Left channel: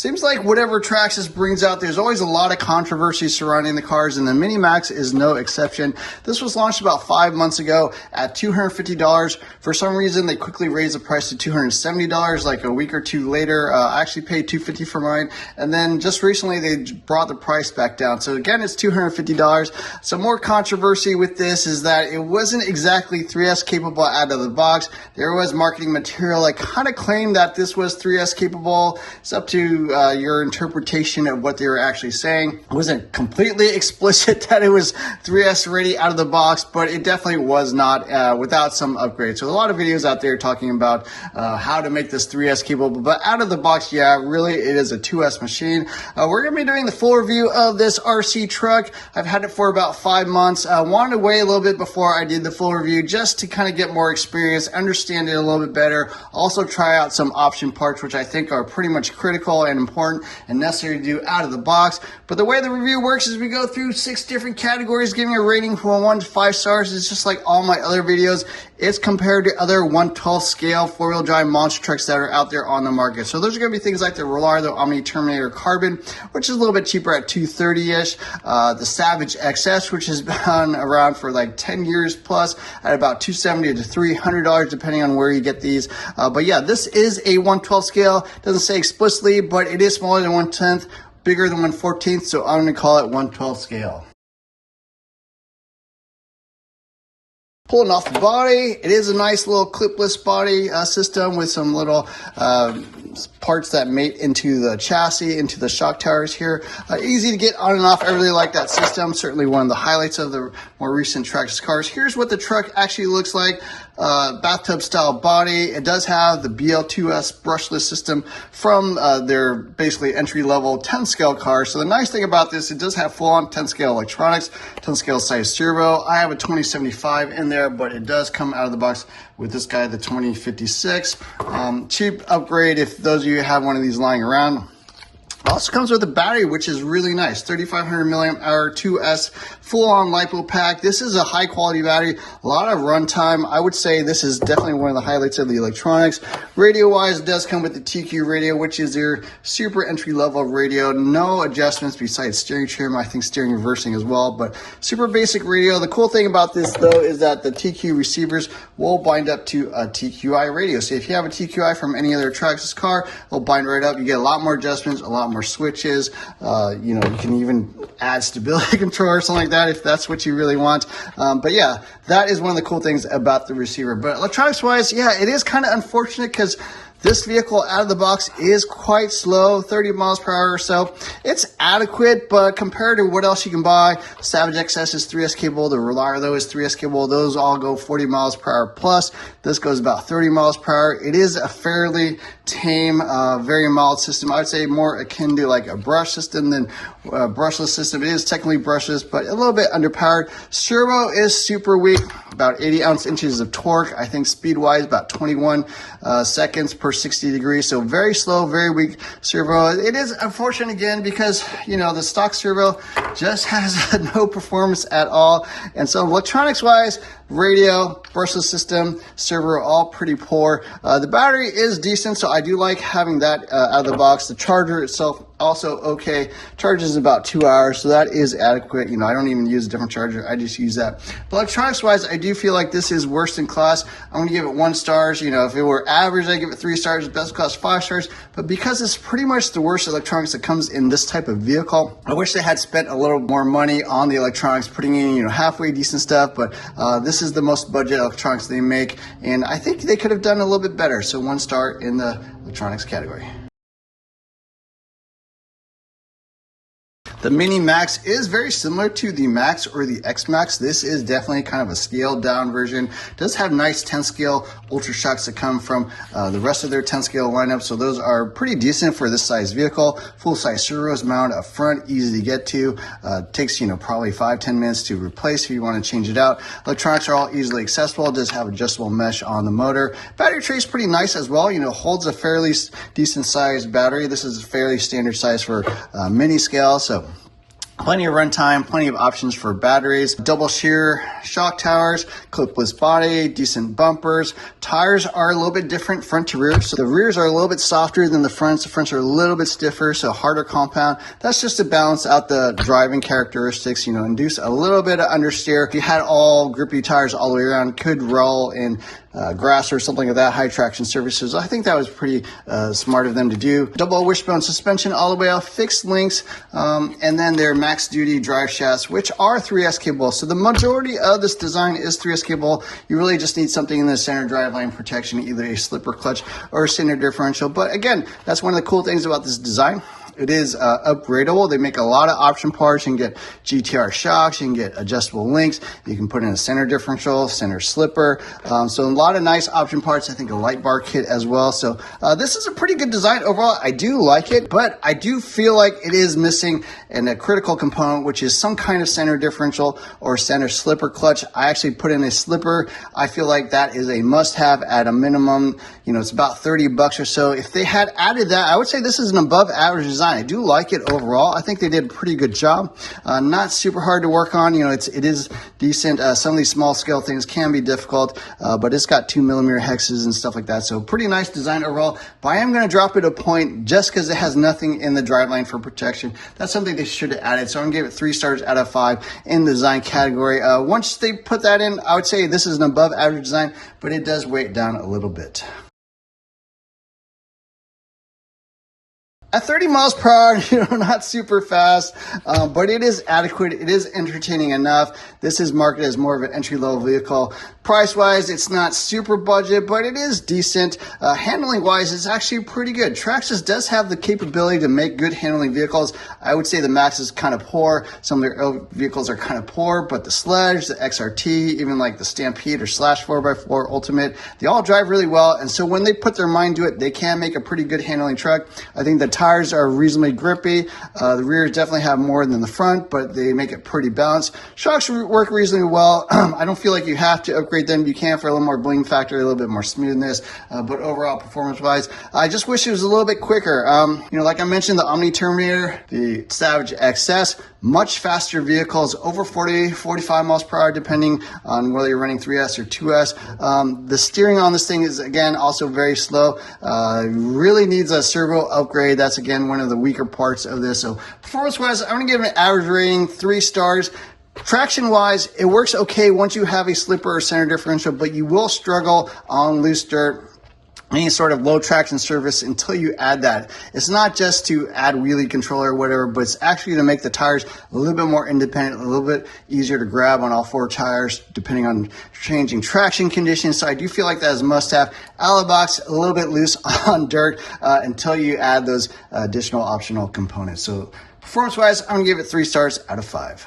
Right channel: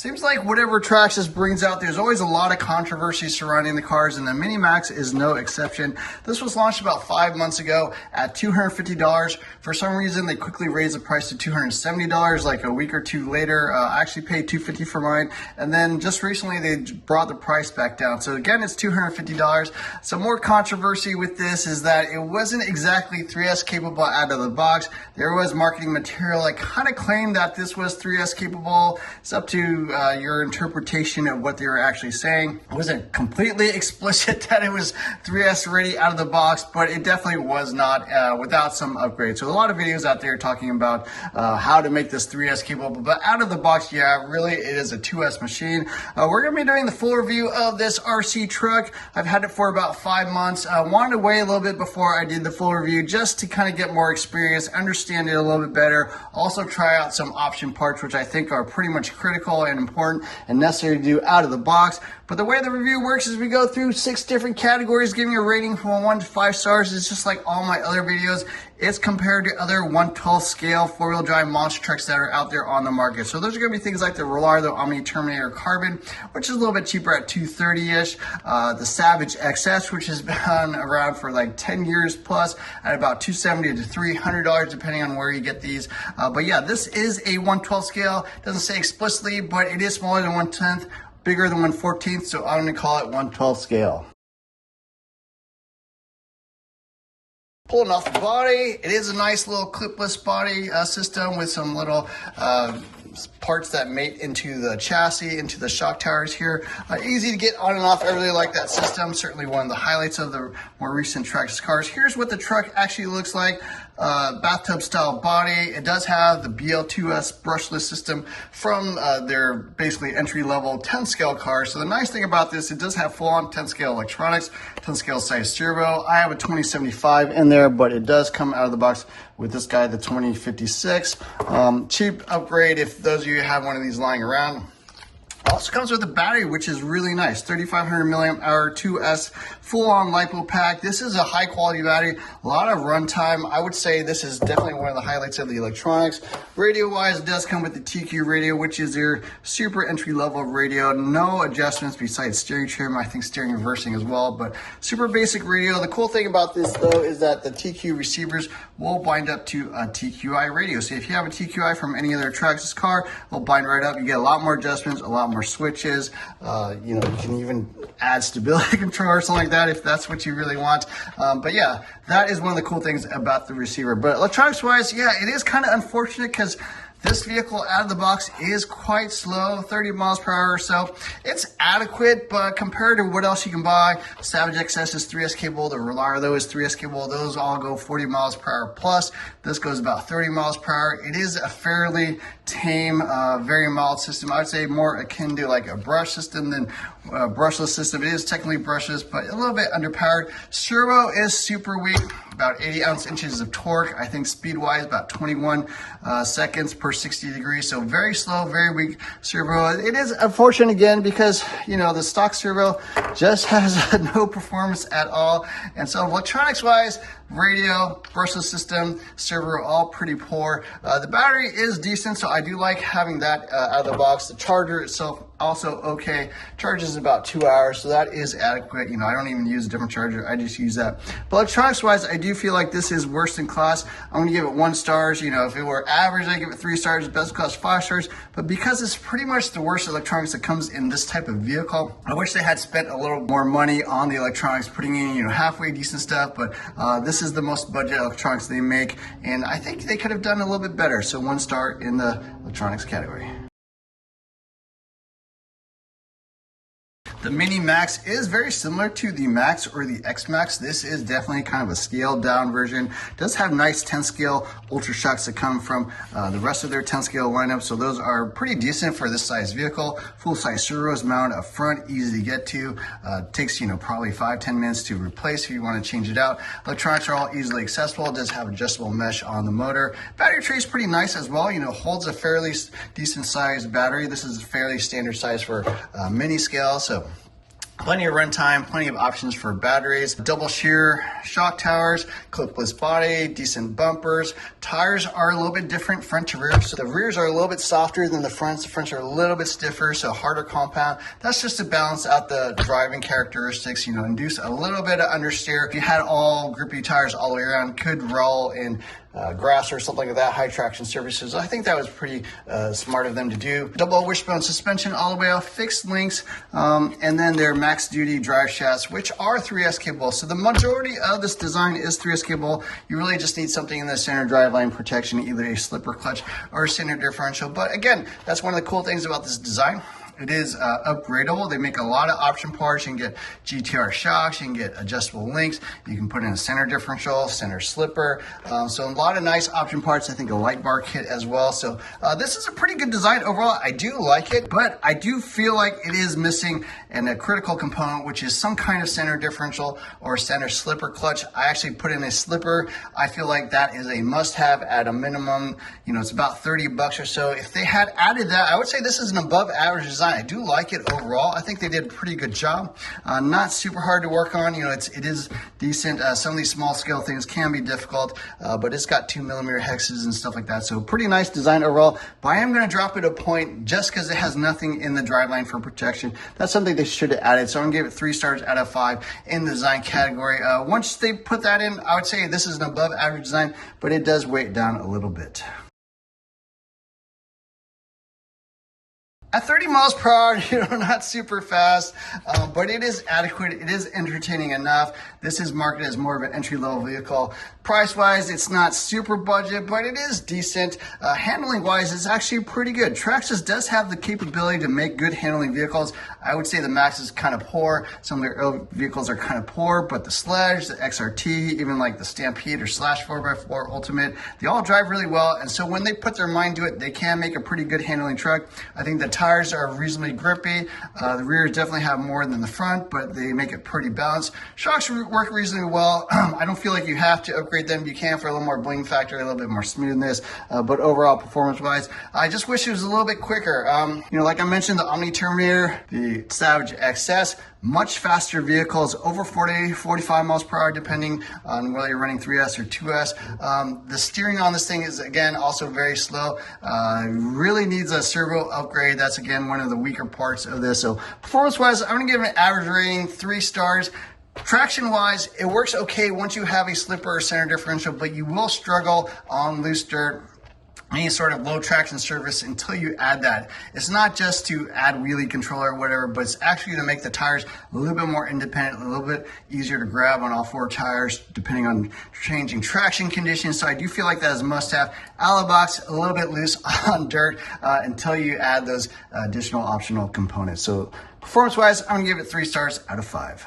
Seems like whatever Traxxas brings out, there's always a lot of controversy surrounding the cars, and the Mini Maxx is no exception. This was launched about 5 months ago at $250. For some reason, they quickly raised the price to $270 like a week or two later. I actually paid $250 for mine, and then just recently they brought the price back down. So again, it's $250. Some more controversy with this is that it wasn't exactly 3S capable out of the box. There was marketing material that kind of claimed that this was 3S capable. It's up to your interpretation of what they were actually saying. It wasn't completely explicit that it was 3S ready out of the box, but it definitely was not without some upgrades. So a lot of videos out there talking about how to make this 3S capable, but out of the box, yeah, really it is a 2S machine. We're going to be doing the full review of this RC truck. I've had it for about 5 months. I wanted to wait a little bit before I did the full review just to kind of get more experience, understand it a little bit better, also try out some option parts, which I think are pretty much critical and important and necessary to do out of the box. But the way the review works is we go through 6 different categories, giving a rating from 1 to 5 stars. It's just like all my other videos. It's compared to other 1/12 scale 4-wheel drive monster trucks that are out there on the market. So those are going to be things like the Rollardo Omni Terminator Carbon, which is a little bit cheaper at $230-ish. The Savage XS, which has been around for like 10 years plus, at about $270 to $300, depending on where you get these. But yeah, this is a 1/12 scale. Doesn't say explicitly, but it is smaller than 1/10, bigger than 1/14, so I'm going to call it 1/12 scale. Pulling off the body, it is a nice little clipless body system with some little parts that mate into the chassis, into the shock towers here. Easy to get on and off. I really like that system. Certainly one of the highlights of the more recent Traxxas cars. Here's what the truck actually looks like. Bathtub style body. It does have the BL2S brushless system from their basically entry level 10 scale cars. So the nice thing about this, it does have full on 10 scale electronics, 10 scale size servo. I have a 2075 in there, but it does come out of the box with this guy, the 2056. Cheap upgrade if those of you have one of these lying around. Also comes with a battery, which is really nice. 3,500 milliamp hour 2S full-on LiPo pack. This is a high-quality battery. A lot of runtime. I would say this is definitely one of the highlights of the electronics. Radio-wise, it does come with the TQ radio, which is their super entry-level radio. No adjustments besides steering trim. I think steering reversing as well, but super basic radio. The cool thing about this, though, is that the TQ receivers will bind up to a TQI radio. So if you have a TQI from any other Traxxas car, it'll bind right up. You get a lot more adjustments, a lot more switches. You can even add stability control or something like that if that's what you really want. But yeah, that is one of the cool things about the receiver. But electronics wise, yeah, it is kind of unfortunate because this vehicle out of the box is quite slow, 30 miles per hour or so. It's adequate, but compared to what else you can buy, Savage XS is 3S capable, the Rollardo is 3S capable. Those all go 40 miles per hour plus. This goes about 30 miles per hour. It is a fairly tame, very mild system. I would say more akin to like a brush system than a brushless system. It is technically brushless, but a little bit underpowered. Servo is super weak, about 80 ounce-inches of torque. I think speed-wise, about 21 seconds per 60 degrees. So very slow, very weak servo. It is unfortunate again because, the stock servo just has no performance at all. And so electronics-wise, radio, brushless system, servo, all pretty poor. The battery is decent, so I do like having that out of the box. The charger itself also okay. Charges in about 2 hours, so that is adequate. I don't even use a different charger. I just use that. But electronics wise, I do feel like this is worse in class. I'm gonna give it 1 star. If it were average, I give it 3 stars. Best class 5 stars. But because it's pretty much the worst electronics that comes in this type of vehicle, I wish they had spent a little more money on the electronics, putting in halfway decent stuff. But this is the most budget electronics they make, and I think they could have done a little bit better. So 1 star in the electronics category. The Mini Maxx is very similar to the Max or the X Max. This is definitely kind of a scaled down version. It does have nice 10 scale ultra shocks that come from the rest of their 10 scale lineup. So those are pretty decent for this size vehicle. Full size servos mounted up front, easy to get to. Takes, probably 5-10 minutes to replace if you want to change it out. Electronics are all easily accessible. It does have adjustable mesh on the motor. Battery tray is pretty nice as well. Holds a fairly decent sized battery. This is a fairly standard size for mini scale. So Plenty of runtime, plenty of options for batteries, double shear shock towers, clipless body, decent bumpers. Tires are a little bit different front to rear. So the rears are a little bit softer than the fronts. The fronts are a little bit stiffer, so harder compound. That's just to balance out the driving characteristics, you know, induce a little bit of understeer. If you had all grippy tires all the way around, could roll in grass or something of that, high traction surfaces. I think that was pretty smart of them to do. Double wishbone suspension all the way off, fixed links, and then their max duty drive shafts, which are 3S capable. So the majority of this design is 3S capable. You really just need something in the center driveline protection, either a slipper clutch or a center differential. But again, that's one of the cool things about this design. It is upgradable. They make a lot of option parts. You can get GTR shocks, you can get adjustable links, you can put in a center differential, center slipper. So a lot of nice option parts. I think a light bar kit as well. So this is a pretty good design overall. I do like it, but I do feel like it is missing a critical component, which is some kind of center differential or center slipper clutch. I actually put in a slipper. I feel like that is a must-have at a minimum. You know, it's about 30 bucks or so. If they had added that, I would say this is an above average design. I do like it overall. I think they did a pretty good job. Not super hard to work on. You know, it is decent. Some of these small scale things can be difficult, but it's got 2mm hexes and stuff like that. So pretty nice design overall. But I am going to drop it a point just because it has nothing in the driveline for protection. That's something they should have added. So I'm going to give it 3 stars out of 5 in the design category. Once they put that in, I would say this is an above average design, but it does weigh it down a little bit. At 30 miles per hour, you know, not super fast, but it is adequate. It is entertaining enough. This is marketed as more of an entry-level vehicle. Price-wise, it's not super budget, but it is decent. Handling-wise, it's actually pretty good. Traxxas does have the capability to make good handling vehicles. I would say the Max is kind of poor. Some of their other vehicles are kind of poor, but the Sledge, the XRT, even like the Stampede or Slash 4x4 Ultimate, they all drive really well. And so when they put their mind to it, they can make a pretty good handling truck. I think the tires are reasonably grippy. The rears definitely have more than the front, but they make it pretty balanced. Shocks work reasonably well. I don't feel like you have to upgrade them. You can for a little more bling factor, a little bit more smoothness, but overall performance-wise, I just wish it was a little bit quicker. You know, like I mentioned, the Omni Terminator, the Savage XS, much faster vehicles, over 40, 45 miles per hour, depending on whether you're running 3S or 2S. The steering on this thing is, again, also very slow. Really needs a servo upgrade. That's, again, one of the weaker parts of this. So performance-wise, I'm going to give it an average rating, 3 stars. Traction-wise, it works okay once you have a slipper or center differential, but you will struggle on loose dirt, any sort of low traction surface until you add that. It's not just to add wheelie control or whatever, but it's actually to make the tires a little bit more independent, a little bit easier to grab on all 4 tires, depending on changing traction conditions. So I do feel like that is a must-have. Out of the box, a little bit loose on dirt until you add those additional optional components. So performance-wise, I'm gonna give it 3 stars out of 5.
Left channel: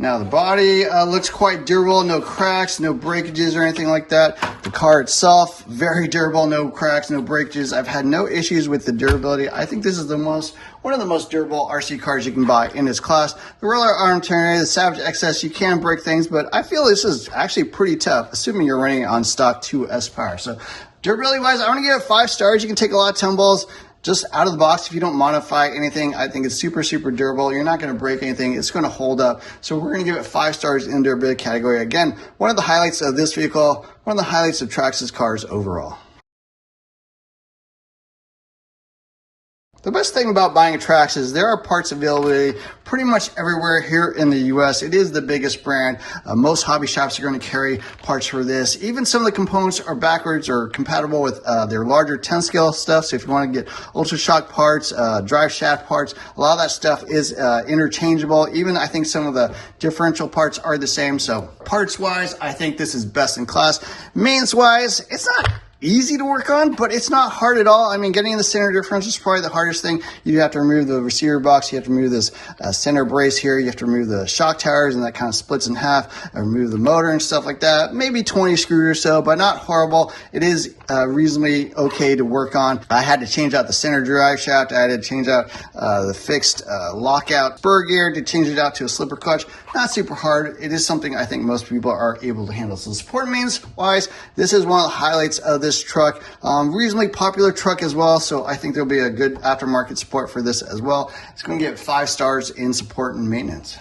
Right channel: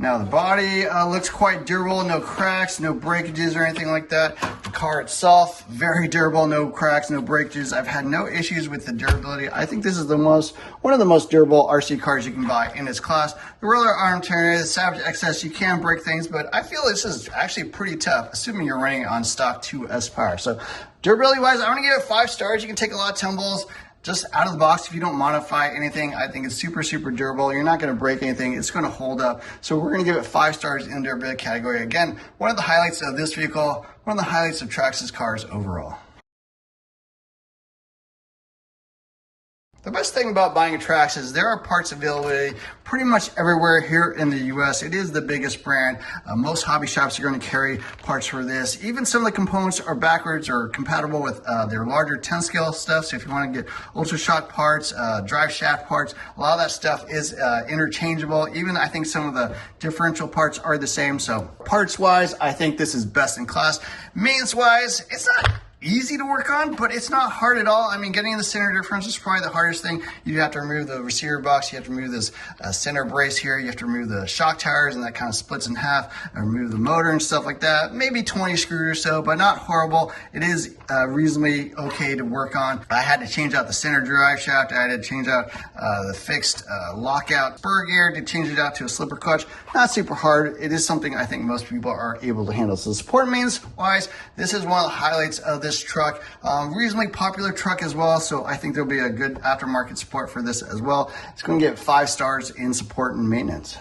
Now the body looks quite durable, no cracks, no breakages or anything like that. The car itself, very durable, no cracks, no breakages. I've had no issues with the durability. I think this is one of the most durable RC cars you can buy in this class. The roller arm turner, the Savage XS, you can break things, but I feel this is actually pretty tough, assuming you're running on stock 2S power. So durability wise, I'm gonna give it 5 stars. You can take a lot of tumbles. Just out of the box, if you don't modify anything, I think it's super, super durable. You're not going to break anything. It's going to hold up. So we're going to give it 5 stars in the durability category. Again, one of the highlights of this vehicle, one of the highlights of Traxxas cars overall. The best thing about buying a Traxxas is there are parts availability pretty much everywhere here in the US. It is the biggest brand. Most hobby shops are going to carry parts for this. Even some of the components are backwards or compatible with their larger 10 scale stuff. So if you want to get ultra shock parts, drive shaft parts, a lot of that stuff is interchangeable. Even I think some of the differential parts are the same. So parts wise, I think this is best in class. Mains wise, it's not easy to work on, but it's not hard at all. I mean, getting in the center differential is probably the hardest thing. You have to remove the receiver box. You have to remove this center brace here. You have to remove the shock towers, and that kind of splits in half. Remove the motor and stuff like that. Maybe 20 screws or so, but not horrible. It is reasonably okay to work on. I had to change out the center drive shaft. I had to change out the fixed lockout spur gear to change it out to a slipper clutch. Not super hard. It is something I think most people are able to handle. So support mains wise, this is one of the highlights of this this truck. Reasonably popular truck as well, so I think there'll be a good aftermarket support for this as well. It's going to get 5 stars in support and maintenance.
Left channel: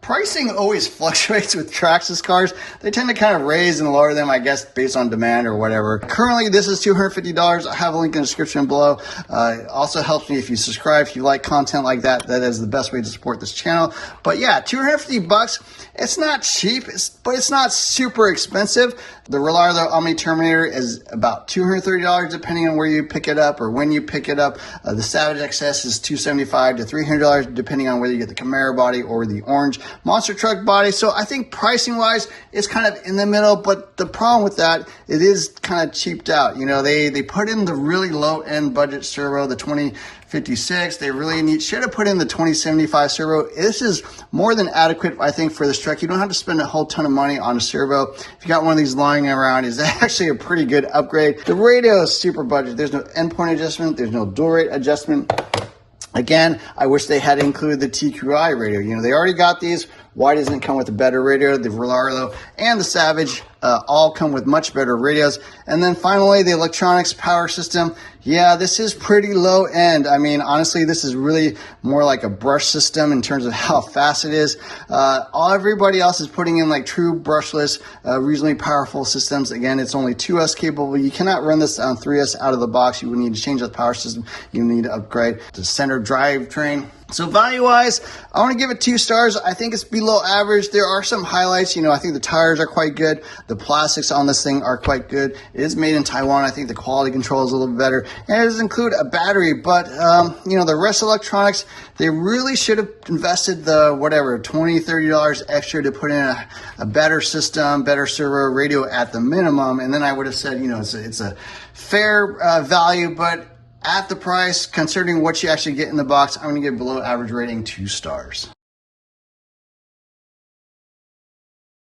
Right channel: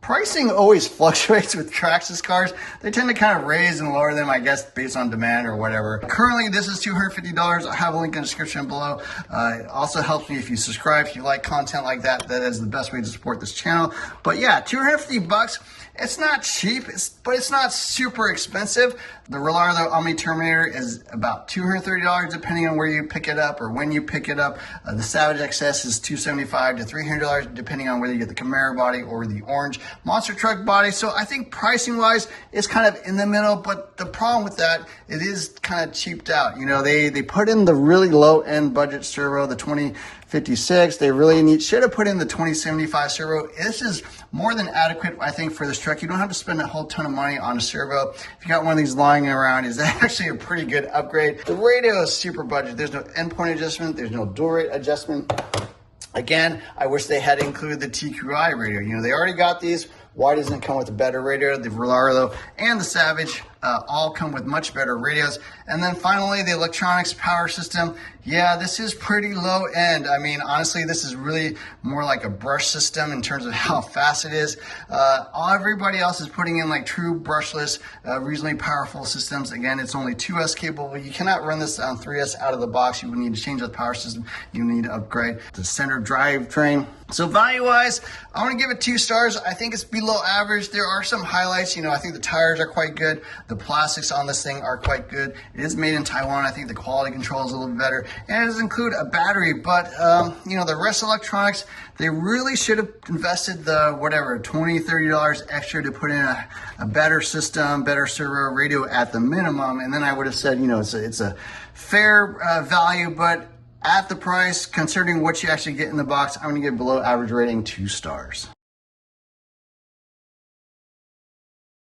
Pricing always fluctuates with Traxxas cars. They tend to kind of raise and lower them, I guess, based on demand or whatever. Currently, this is $250. I have a link in the description below. It also helps me if you subscribe, if you like content like that. That is the best way to support this channel. But yeah, $250. It's not cheap, but it's not super expensive. The Reliable Omni Terminator is about $230 depending on where you pick it up or when you pick it up. The Savage XS is $275 to $300 depending on whether you get the Camaro body or the orange monster truck body. So I think pricing wise, it's kind of in the middle, but the problem with that, it is kind of cheaped out. You know, they put in the really low end budget servo, the 2056. They really should have put in the 2075 servo. This is more than adequate, I think, for this truck. You don't have to spend a whole ton of money on a servo. If you got one of these lying around, is actually a pretty good upgrade. The radio is super budget. There's no endpoint adjustment. There's no dual rate adjustment. Again, I wish they had included the TQI radio. You know, they already got these. Why doesn't it come with a better radio? The Reliable and the Savage all come with much better radios. And then finally, the electronics power system. Yeah, this is pretty low end. I mean, honestly, this is really more like a brush system in terms of how fast it is. Everybody else is putting in like true brushless, reasonably powerful systems. Again, it's only 2S capable. You cannot run this on 3S out of the box. You would need to change the power system. You need to upgrade the center drivetrain. So value-wise, I want to give it 2 stars. I think it's below average. There are some highlights. You know, I think the tires are quite good. The plastics on this thing are quite good. It is made in Taiwan. I think the quality control is a little bit better. And it does include a battery, but, you know, the rest of electronics, they really should have invested the, whatever, $20, $30 extra to put in a better system, better servo, radio at the minimum. And then I would have said, you know, it's a fair value, but at the price, considering what you actually get in the box, I'm going to give below average rating 2 stars.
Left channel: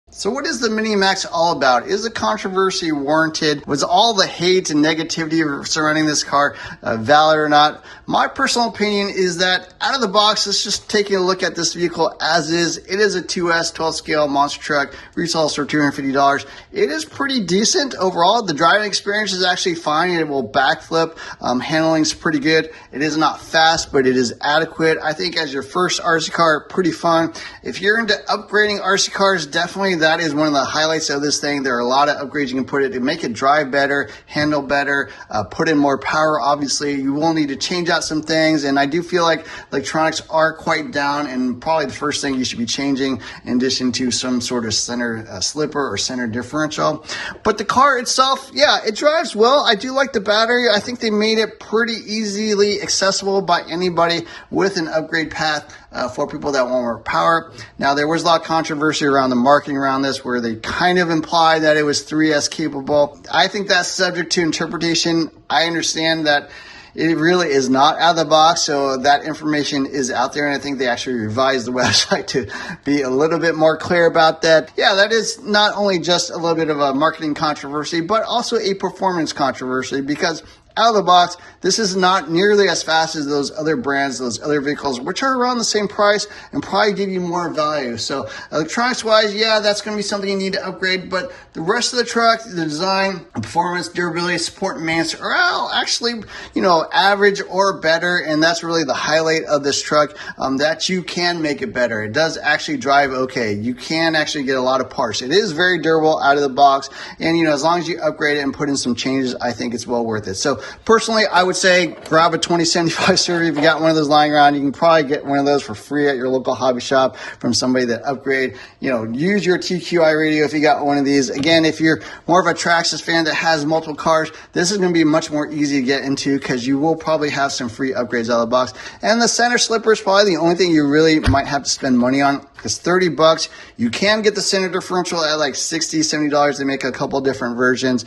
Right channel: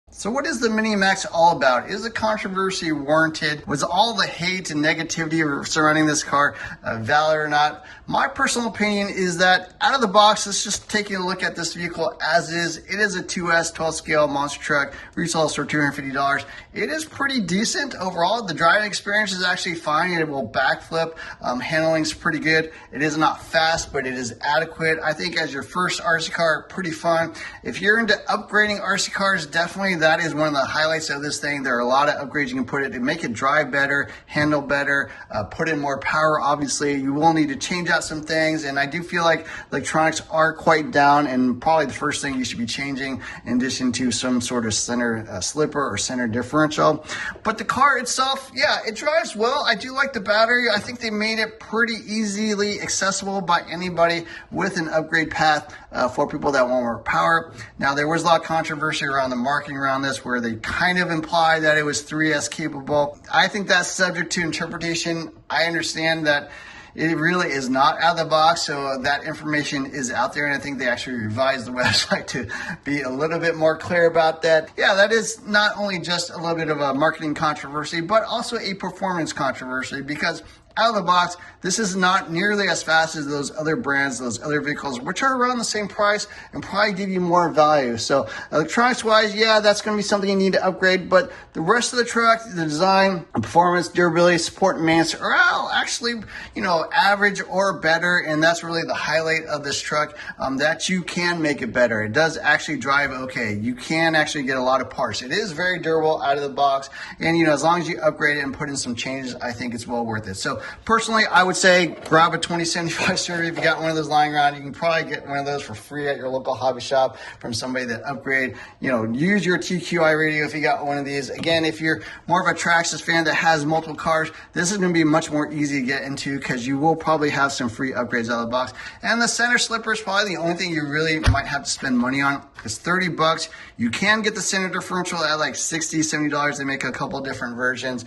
So what is the Mini Maxx all about? Is the controversy warranted? Was all the hate and negativity surrounding this car valid or not? My personal opinion is that out of the box, let's just take a look at this vehicle as is. It is a 2S 12 scale monster truck, retails for $250. It is pretty decent overall. The driving experience is actually fine. It will backflip. Handling's pretty good. It is not fast, but it is adequate. I think as your first RC car, pretty fun. If you're into upgrading RC cars, definitely that is one of the highlights of this thing. There are a lot of upgrades you can put it to make it drive better, handle better, put in more power. Obviously, you will need to change out some things, and I do feel like electronics are quite down, and probably the first thing you should be changing in addition to some sort of center slipper or center differential. But the car itself, yeah, it drives well. I do like the battery. I think they made it pretty easily accessible by anybody with an upgrade path for people that want more power. Now, there was a lot of controversy around the marketing around this where they kind of implied that it was 3S capable. I think that's subject to interpretation. I understand that it really is not out of the box, so that information is out there, and I think they actually revised the website to be a little bit more clear about that. Yeah, that is not only just a little bit of a marketing controversy, but also a performance controversy, because out of the box, this is not nearly as fast as those other brands, those other vehicles, which are around the same price and probably give you more value. So electronics wise, yeah, that's going to be something you need to upgrade, but the rest of the truck, the design, performance, durability, support, and maintenance are all actually, you know, average or better. And that's really the highlight of this truck, that you can make it better. It does actually drive okay. You can actually get a lot of parts. It is very durable out of the box. And, you know, as long as you upgrade it and put in some changes, I think it's well worth it. So personally, I would say grab a 2075 series. If you got one of those lying around, you can probably get one of those for free at your local hobby shop from somebody that upgrade. You know, use your TQI radio if you got one of these. Again, if you're more of a Traxxas fan that has multiple cars, this is going to be much more easy to get into because you will probably have some free upgrades out of the box. And the center slipper is probably the only thing you really might have to spend money on. It's $30. You can get the center differential at like $60, $70. They make a couple different versions.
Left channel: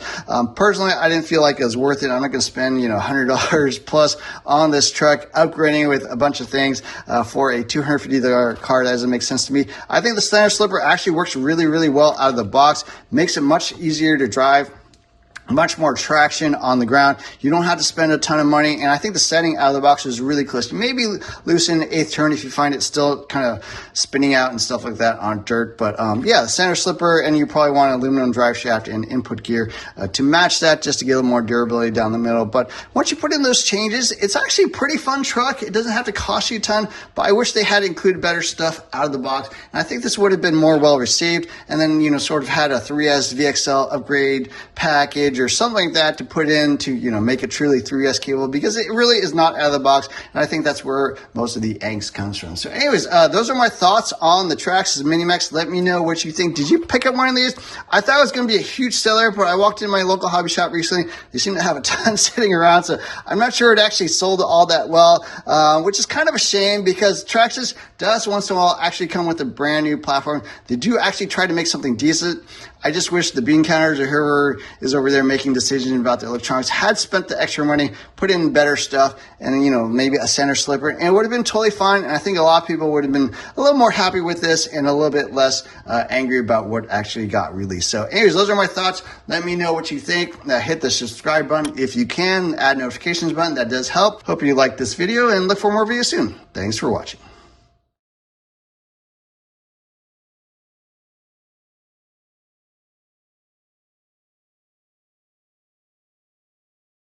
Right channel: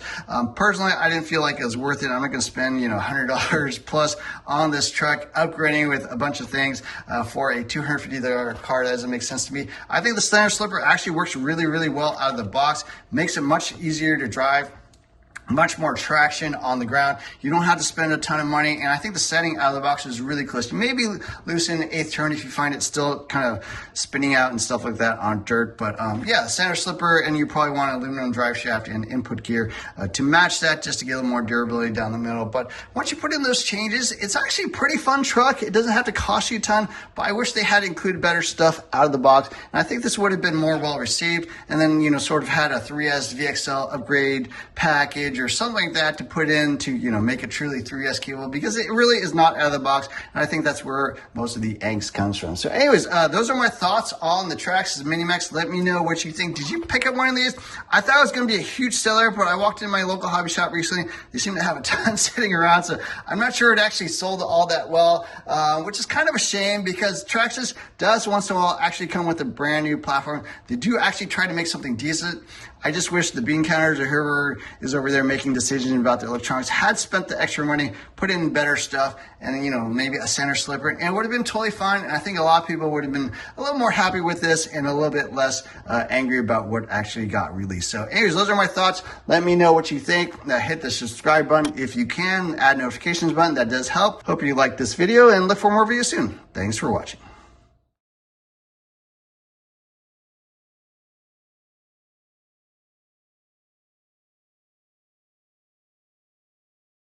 Personally, I didn't feel like it was worth it. I'm not going to spend, you know, $100 plus on this truck, upgrading with a bunch of things for a $250 car. That doesn't make sense to me. I think the center slipper actually works really, really well out of the box, makes it much easier to drive. much more traction on the ground. You don't have to spend a ton of money, and I think the setting out of the box is really close. You maybe loosen the eighth turn if you find it still kind of spinning out and stuff like that on dirt, but yeah, the center slipper, and you probably want an aluminum drive shaft and input gear to match that, just to get a little more durability down the middle. But once you put in those changes, it's actually a pretty fun truck. It doesn't have to cost you a ton, but I wish they had included better stuff out of the box, and I think this would have been more well received, and then, you know, sort of had a 3S VXL upgrade package or something like that to put in to, you know, make it truly 3S capable, because it really is not out of the box, and I think that's where most of the angst comes from. So anyways, those are my thoughts on the Traxxas Mini Maxx. Let me know what you think. Did you pick up one of these? I thought it was going to be a huge seller, but I walked in my local hobby shop recently. They seem to have a ton sitting around, so I'm not sure it actually sold all that well, which is kind of a shame, because Traxxas does once in a while actually come with a brand new platform. They do actually try to make something decent. I just wish the bean counters or whoever is over there making decisions about the electronics had spent the extra money, put in better stuff, and, you know, maybe a center slipper, and it would have been totally fine. And I think a lot of people would have been a little more happy with this and a little bit less angry about what actually got released. So anyways, those are my thoughts. Let me know what you think. Hit the subscribe button if you can, add notifications button. That does help. Hope you liked this video, and look for more videos soon. Thanks for watching.